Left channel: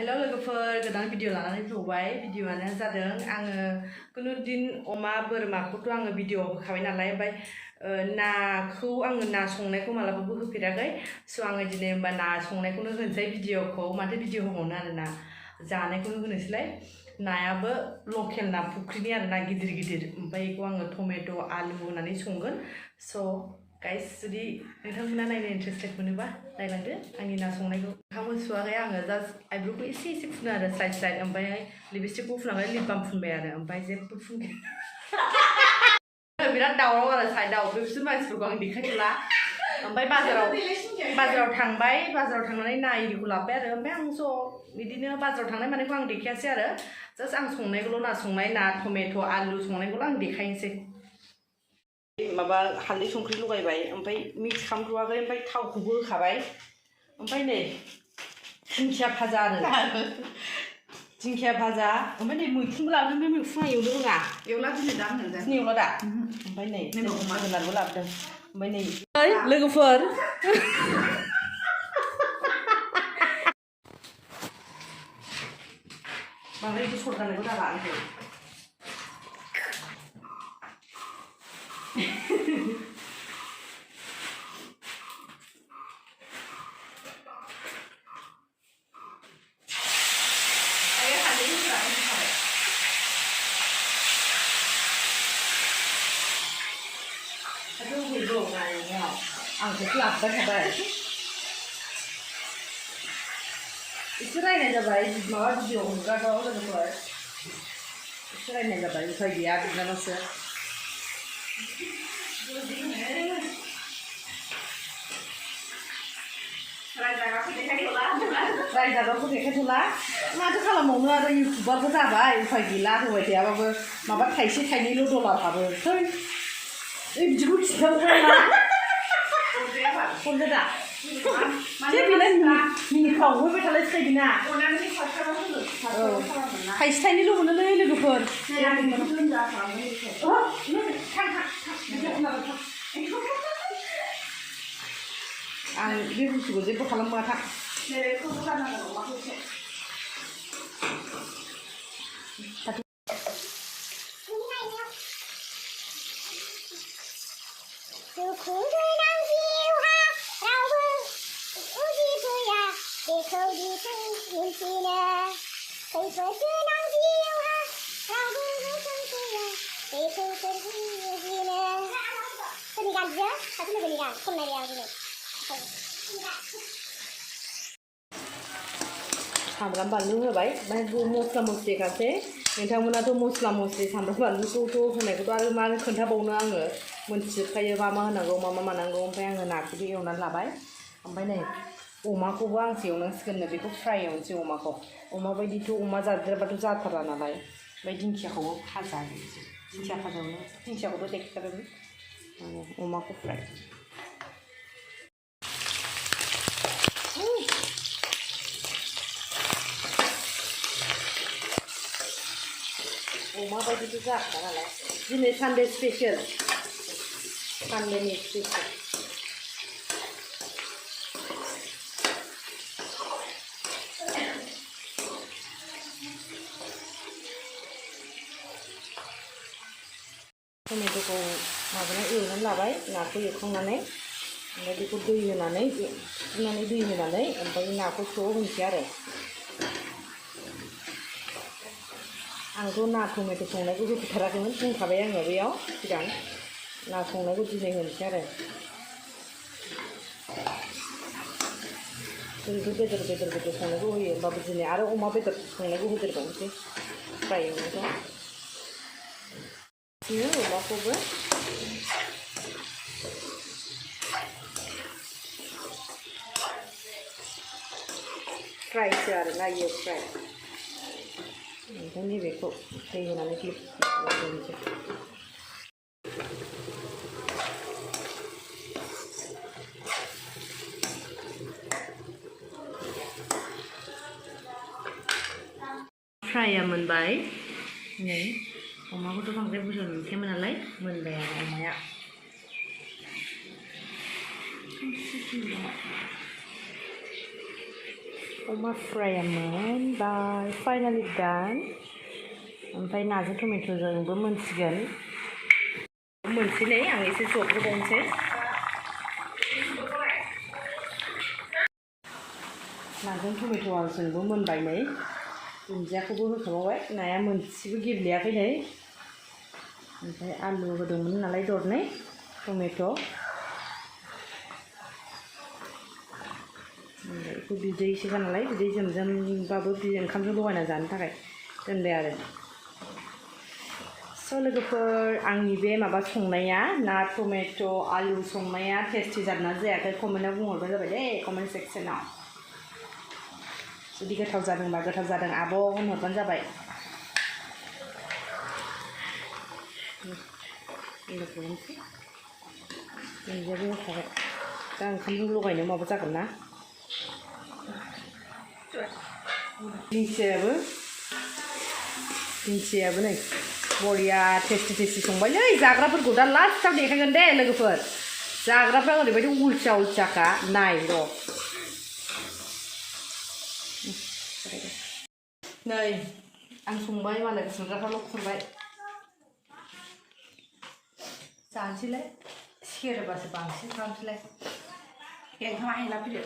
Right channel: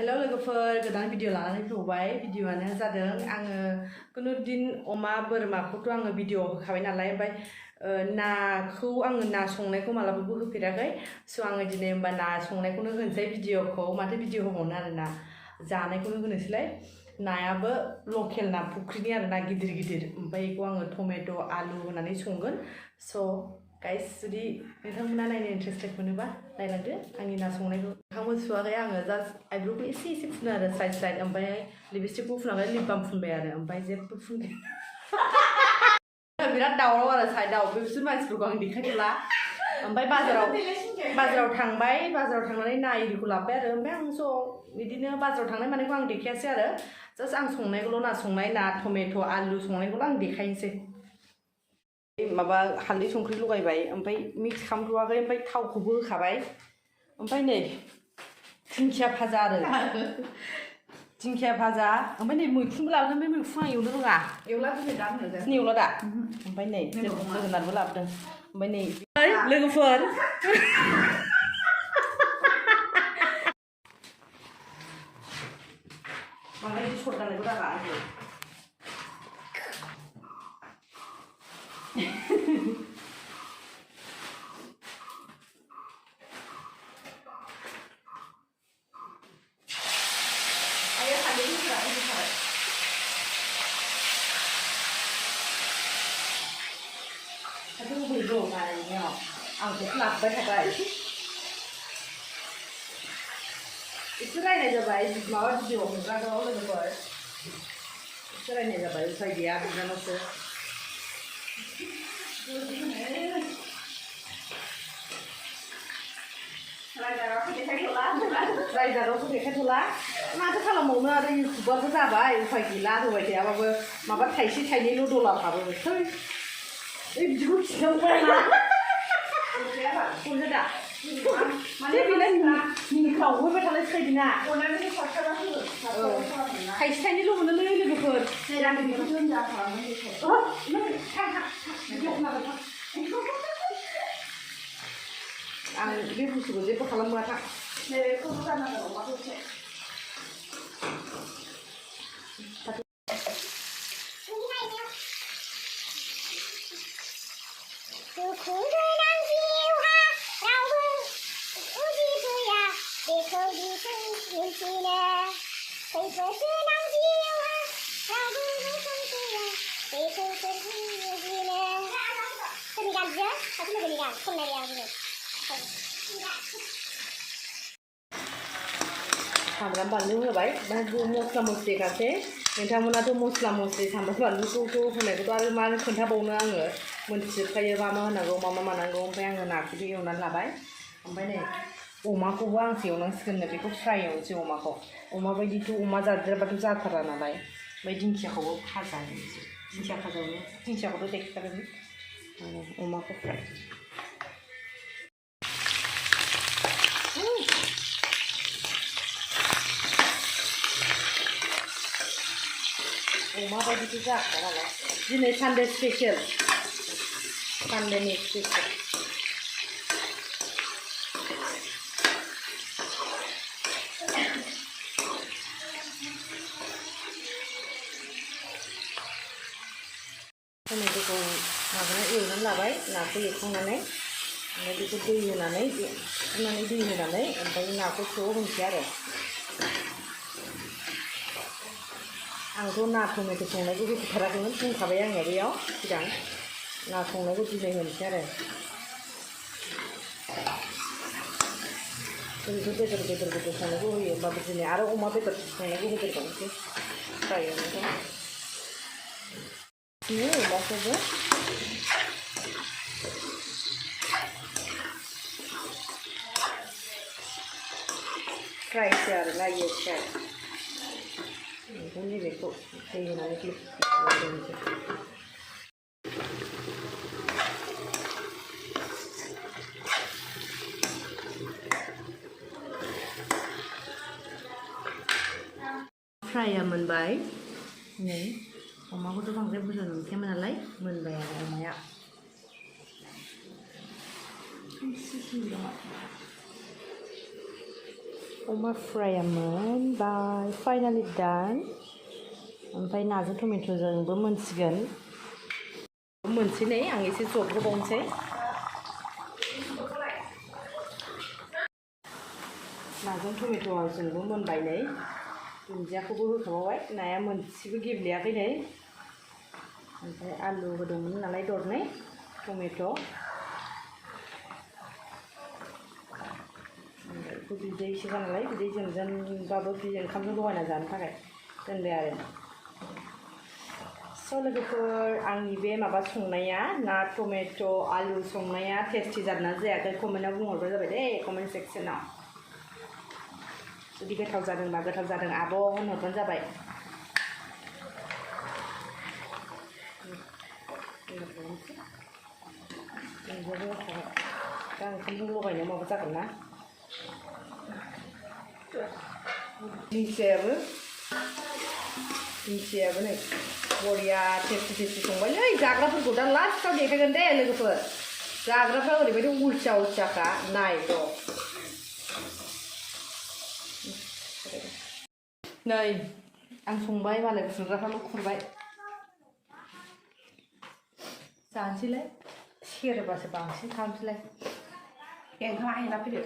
हेल' लोगोफोर गोदान भिडिअ लानानै फैबाय भिडिअआनो जादों आङो कुनु दिन अमा बोरमाखौथ' आङो भिडिअ होखाबाय नालाय ओमफ्राय नाखौ आङो ना संनायखौ मालाबाबो होफेराखै स' आङो दिनै होमबा ना संनायखौनो होनोसै भिडिअखौ माथो भिडिअ होबावनो आरोना जानायखौनो होनोसैलाय नायाबो लकेल ना फुख्रिनि आरो ना गिदिर गिदिर ओमफ्राय बेखौ आङो टमेट' आलु होनानै संगोन स' गाइस जुदि नोंथांमोना नायनो इन्टारेस्टेड मोनोबा नायलांदो आंनि ना संनायखौ नोंथांमोन सुवाखै आङो जास्ट आइब्र'खौ एसे फुनो आरो स्लाइड स्लाइड ओमफ्राय लिपस्टिकखौ फुनानै लिप बाम फुनबाय आरो ओमफ्राय जेबो फुनगोन बिराद दावराव आरो साइडआव बिसोर मानसिफोरखौ आं देखायथ'ला ओमफ्राय बाजाराव थांनानै ना इरिखौ लाबोबाय आरो ओमफ्राय आं स' बिदिनो बाजाराव थांनाय मानायखौ आं देखायासै आरो जास्ट आं संनायखौल' ना संनाय ना टमेट' आलु संनायखौल' आं देखायनोसै माबा हालदै संख्रि लगायबाय ओमफ्राय मिक्स खालामथ'वाखै ओमफ्राय थावखौबो होखाबाय ओमफ्राय नै दिंखिया भाजा आरो दिंखिया भाजा ओमफ्राय नै मैखुनबो लाबोदों बे मैखुना एवनो रोङा दिनै एवला दा ओमफ्राय नै जोगोनारबो लाबोदों ओमफ्राय नै लोगोफोर बांद्राय दिस्टर्ब जानायखौ दाबा आंखौ आंखौ लाबोबाय थाबाय एसे रायनाय जाबाय माबा भिडिअ हगाराव लोगोफोर एसे रायनाय जाबाय उफाय गैया बिनानावसो रायजागाखौ देखायथ'ला माथो खालामबावनो आरो इउटुबारबो जाबाय उफाय गैला होबाय थायाबाबो माबा थाइसे थाइनैल' डलार हाबो बिदिखौ खिन्थावला हमदो दा माने मिनिखाव होबाय थालाय थाइदिना थाइसे थाइनैल' मोनोलै लोगोफोर आं बे बुस्थुखौ जेबो खालामा था सामब्राम बानलु होबाय ओमफ्राय मस्ला मस्लि गासै नोंथांमोनाथ' मस्ला मस्लि सामब्राम बानलुखौथ' होनायखौथ' आरो मा खोन्थाबावनो आङो मोनथिजोबखायो मा होनांगौ मा मानांगौ ओमफ्राय आङो नाखौबो एवनानै लाबाय ओमफ्राय नै अमाखौबो आंसो एवनांसिगोननो बेखौ फ्राय एवनोसै अमाखौ अमा बायदिथ' अमा जाद्रायाबाथ' जाथारा नालाय ओमफ्राय दिंखियाखौबो भाजा एवनोसै दिंखिया भाजायावनो दिंखियाखौथ' देखादों अमाखौ फ्राय अमा बायदिथ' जाखाया नालाय दिनै सानडे स्पेसियेल सानडेनि स्पेसियेल टमेट'खौ माबानानै एवनानै लाबाय नाखौ एवखांनानै ओमफ्राय बेखौ दै होनानै सुनानै दै होनानै ओमफ्राय नाखौ ज' होनोसै आरो आंथ' ना टमेट' संनायखौ होफेराखैमोन बुंखाबाय आङो बेयाव सिगां ना संनायखौ दिनै होनोसै आरो ओरैनो बेदर संनायखौ होयो होमबाबो दिनै आरो अमा बेदर संनायखौ होदेरबावनोसै फ्राय एवनायखौ अमाखौबो फ्रायसो आरोना इयो फ्राय ओमफ्राय नैबेखौ दै होनानै दोनसै फ्राया मोनबाय नै अमाखौथ' बांद्राय बुरजा मोनखायामोन नालाय मोनबाय आरो अमाया अमा फ्राया मोनबाय फाइनालि डान ओमफ्राय नाजों टमेट'जोंबो मोनसिगोन मोनसै नै आं एसे जबहोबावनोसै नाजों टमेट'जोंबो मोनबाय नै दुन्दियाखौबो होखाबावबाय नाया मोनसेबो गेब्लेयाखै नै ओमफ्राय आलु होदोंमोन नालाय दरनै टमेट' बिदैसो नालाय बिदै जोमजोमबाबो ओंखामजों लगायना जानो थाखाय दोनबाय आरो स' लोगोफोर आंनि बे माबा संनाया ना टमेट' आलु संनाया टेस्टि जादोंना जायाखै कमेन्टआव बुंहरबानो जाबाय दे कमेन्ट सेक्सनाव जुदि गोथाव जादोंबा गोथाव जादों आब' होनहरबानो जाबाय दुन्दियाबो होखाबाय दा ओंखामजों लगायनो माबा जागोन ना दिंखियाबो नै बरिया टेस्टि संबाय नै जाग्राफोरखौ दा लास्टआव देखायगोन दे लोगोफोर जाग्राफ्रा ओरैबायदि उल्थियाखा नाय र' नै आं संबाय मालाय खुरग्राफ्राल' खुरबाय जानोसैलाय सेरोबासो बांसिन खालामसैलाय नोंथाङा आयना फैदो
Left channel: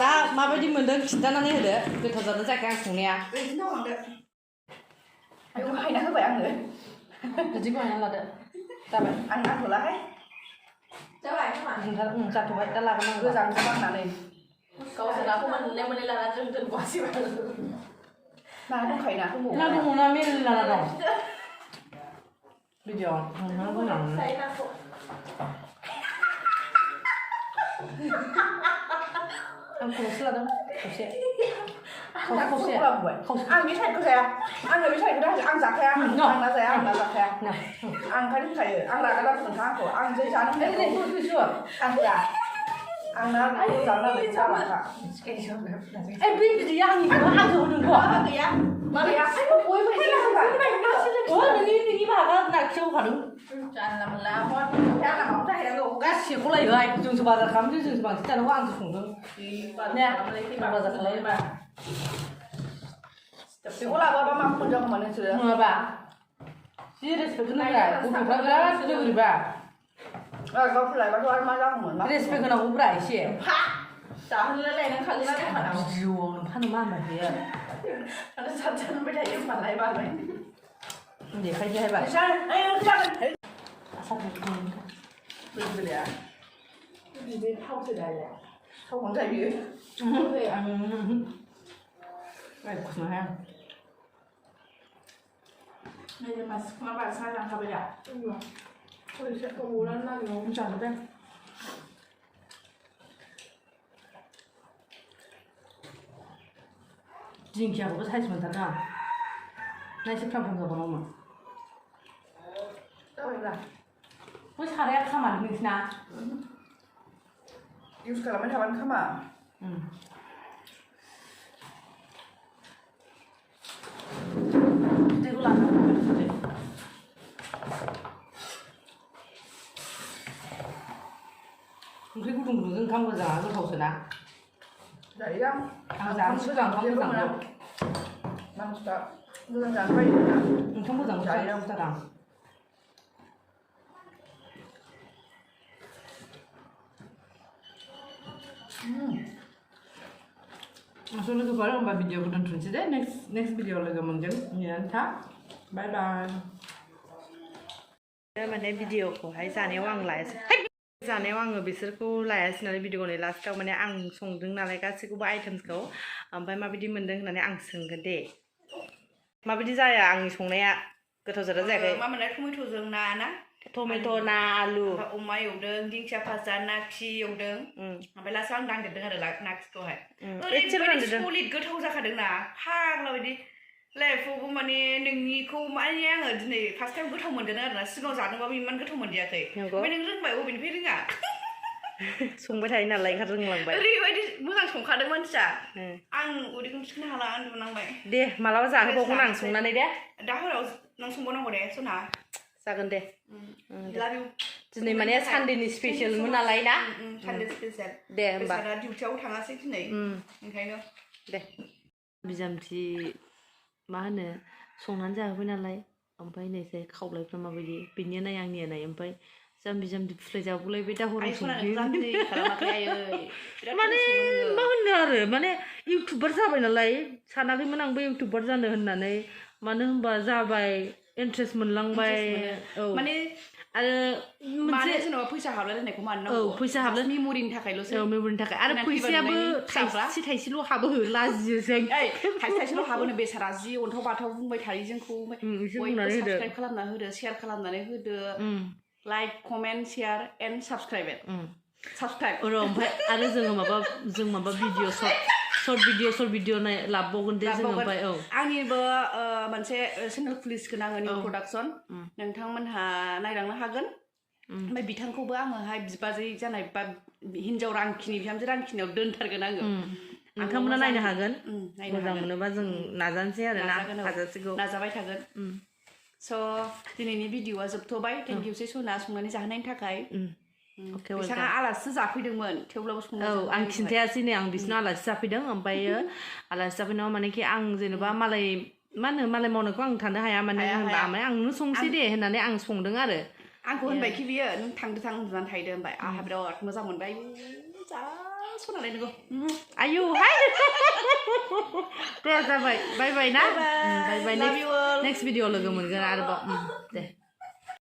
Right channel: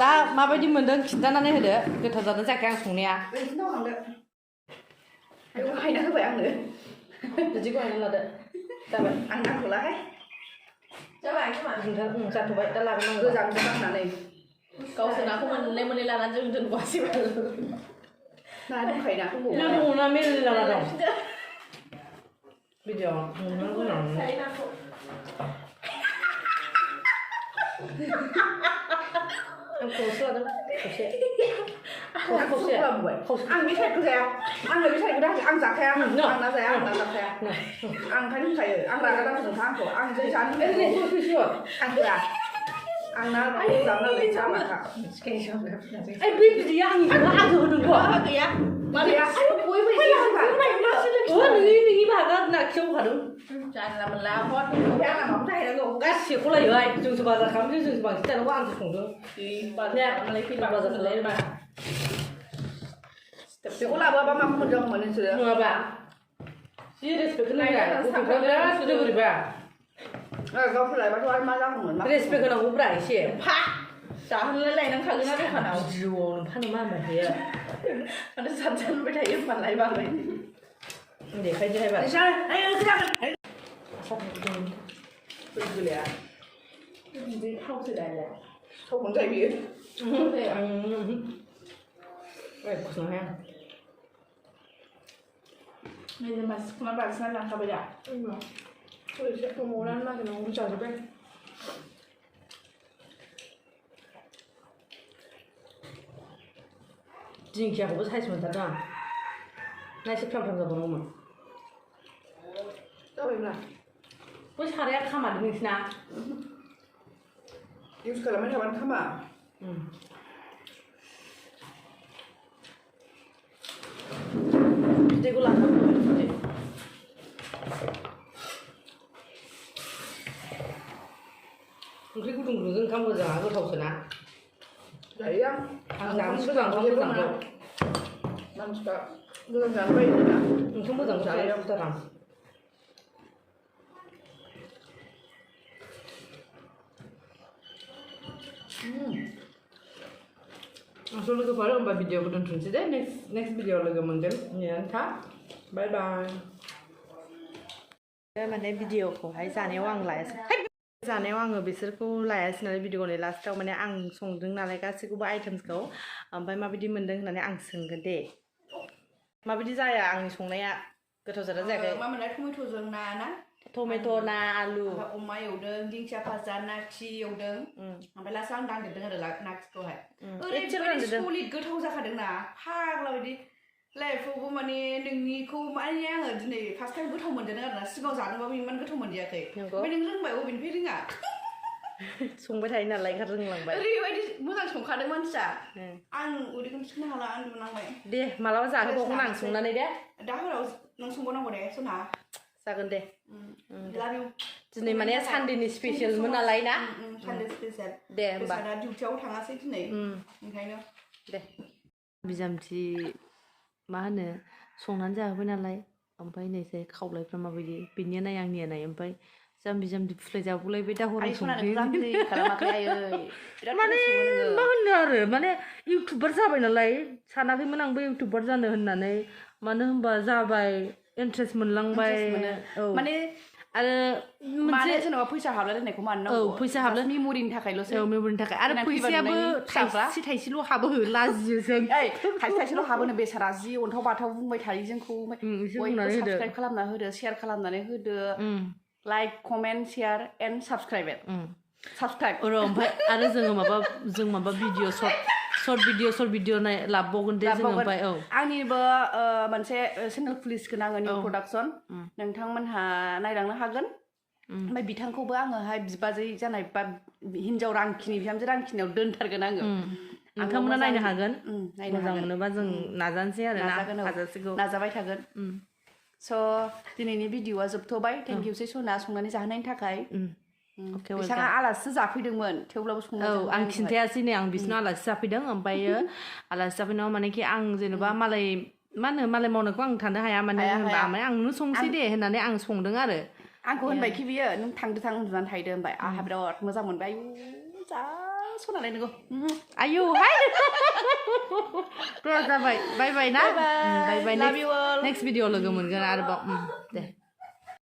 दा माबायदि मोन्दों खिन्थानानै होदो गोथाव जादों जायाखै आं संनाया हायना होबाय आङो बिदिखौ हायना लादो जाबाय आं नांथ'लाहाय जाबाय जाथ'बाय दा लागोन आं गोजान बांनानै गावसोर नाखौ मोननै लानानै जों दोनबासै ना दंखायो नाखौ ना दङ ना मेरला ना दं भिडिअ नोंथांखौ लानानै आं खर'सो लादों खावसे आं बे साइडखौ जाया आङो बे साइडखौ आं जाखाया आं ना जाया आं ना जाखाया आं ओंखायनो होनखायो आं रागा दाफोर नोंथां आंखौ आं जै जानो आं होआ आं ना जानानै जालाखा बे बिदैया आंनिखौ आंसो होदोंथ' गैया मा गैया बयबो एसे नोंनि बाहागा नाखियाव होखादों जानला मोनला आंना माबा जाहैनांगौ गासिखौ लायोहाय जोंसो बाजार खालामसै जोंसो बांसिन जानांगौ आंसो संदों बाजार खालामोबा बेखौ लाबोआबा मा मोनजागौमोन नोंसोरो नङाबा जि रेसपेक्ट होनांगौ गथ'फ्रा बिराद बोरैबा गावखौ लायबाथ' आरो मा जागौमोन रेसपेक्ट होनांगौब्रा एसे फा जाहोनलाय लायनांखागोन ना दखानाव भिडिअआव नों फानो मा होनबाय थायो माने जानबाय थायो होनबालाय बालाय देखायनोहाय बाय बिदै थावसो दाया थावखौनो जायो बियो खुसनो हाया नैबे मानसिखौना बांसिन लांखाबाय दा जाजोब्बाय दिंखियाखौबो साइज मोनथारदों आं ना एसे फ्राम जाबावनांगौमोन जाबायब्रा बै साराया खामानि नोंसिना इउज खालामबाय थाबानो खामा बिदैखौ लानांगौ ओंख्रि गुदुं गुदुंजों ओंखाम गोजाङा गोथावसोना जायो आं जानो सिगां ओंखाम मोजां मानसिफ्रा मोजां जानो बायो ओंखाम मोजां जायो बुथारा स' लोगोफोर होमबा भिडिअखौ दोनथ'नोसै दे नेक्स्ट भिडिअ लोगो मोनगोन नेनानै था बाय बाय माने भिडिअखौहाय जानायाव आं लायासै जानायाव आङो बिसोरखौ लायासै नालाय भिडिअनि लास्टाव माने आं संदों नालाय गासैखौबो आइटेम्सखौ ओमफ्राय माबायदि मोनदों होननानै आं सोंगोन दे माबायदि जाया आंनि संनाया गोथाव जादों जायाखै मा मोनलाय टमेट'जों ना टमेट' ना आलु अमा एवदों दिंखिया भाजा ना खि एवदों ओमफ्य लास्टआव आं दांदेरदों आरो ना खिखौहाय ओरैबायदि सलिड गोथाव जाखादों ना फाग्ला बायदि लाइफआवबो माने नोंनिखौ माने आङो दिनै फार्स्ट टाइम गोथाव मोनदों आरो ना सिगाङाव जादोंबाबो इमान गोथाव मोनदियाखै ओमफ्राय नों रोंबाय अबेनिफ्राय रोङा संबाय थायो नालाय ओंखायनो रोंलांबाय ओरैबायदि मोजां संखादों मानसिया आं उदैखौनो थिखोनो हाला उन्दुनांबाय दे मालाबा जाहोबावगोन आं संनानै दे दा हराव नों संबावनांगौ दे सना जागोन दे love you दिनै माने सानडेनि स्पेशेलमोन नालाय ना सानडे स्पेशेल दे होमबा बेसारा डिउटियाव थाङासै दिनै ओंखायनो दे बिजामथि मा होनो संनानै जाहोबाय नालाय ओमफ्राय नैसै खावलायफ्रा माबायदि बेनिया नाय आंनिया नाय ओमफ्राय जाम्बि जाम्बि फुस्लाय जागुलायबाय दाहराव संख्रि माने मा होनो आरो माने इउटुबार जाबाय नालाय सानाखैमोन आंबो इउटुबार जानो होननानै मानो होनबा जाबाय इन्ट्रेस्ट मोनलांबाय औ माने आरो मोनसे जेनेबा फैसा हाबलायलायनायखौ मानो नांगौ औ फैसा हाबलाय मेम'रिनि थाखायल'सो औ मेम'रिनि थाखाय आरो फैसायाबो थाइसेल' हाबो लाजियो जों थाइसेल' हाबोनो बेसारा जि अन्थाव बाथाव बुंबाय थायो जोंखौ साबसक्राइब खालामना होदो शेयार खालामनानै होदो like comment share and subscribe ओमफ्राय आरो जों माबा भिडिअ सर्ट भिडिअ लाबबावगोन दे जों ओमफ्राय औ आंनिबो मोनसे चेनेल खुलिसिगोन आङो निउ प्रडाक्सन नोंथांमोनहा नायलांनो हागोन ओमफ्राय बिथांखौबो आङोहाय बिबाजै जानाय बा हिनजाव रांखिनि बिहामजो रांखिनियाव दोनथारगोन आङो नोंथांमोना नायनो हागोन मोजां मोनोबा जों नाजानोसै आरो ना हाजासेखौ नाजाबाय थागोन स' दिनैनि भिडिअआ जोबथ'बाय थेंक इउ सै सना संनानै जाहोनायनि थाखाय बिथाङा आलासिसो जाफैदोंमोन थेवब्लाबो औ आं खिन्थायासै नै आं बिसिनाव आलासि जाफैदों ओमफ्रायो आलासि जाफैनायाव मानेखि आं जेनेबा मालाय मा होनो मालाय मावनायखौ आं थानो हाया माने होनबा आंनो संसै दे होननानै आं संदों आरो आंखौ होनबायखि बियो नों थांदो थां उन्दुनानै थाहैदो होनबाय आंहा बिराद मोजां मोनबाय जा सनालाय नोंगौ आयौ हाय दे जाबाय बाय बाय ना बाय बाय नेक्स्ट भिडिअ लोगो मोनगोन आरोबाव दे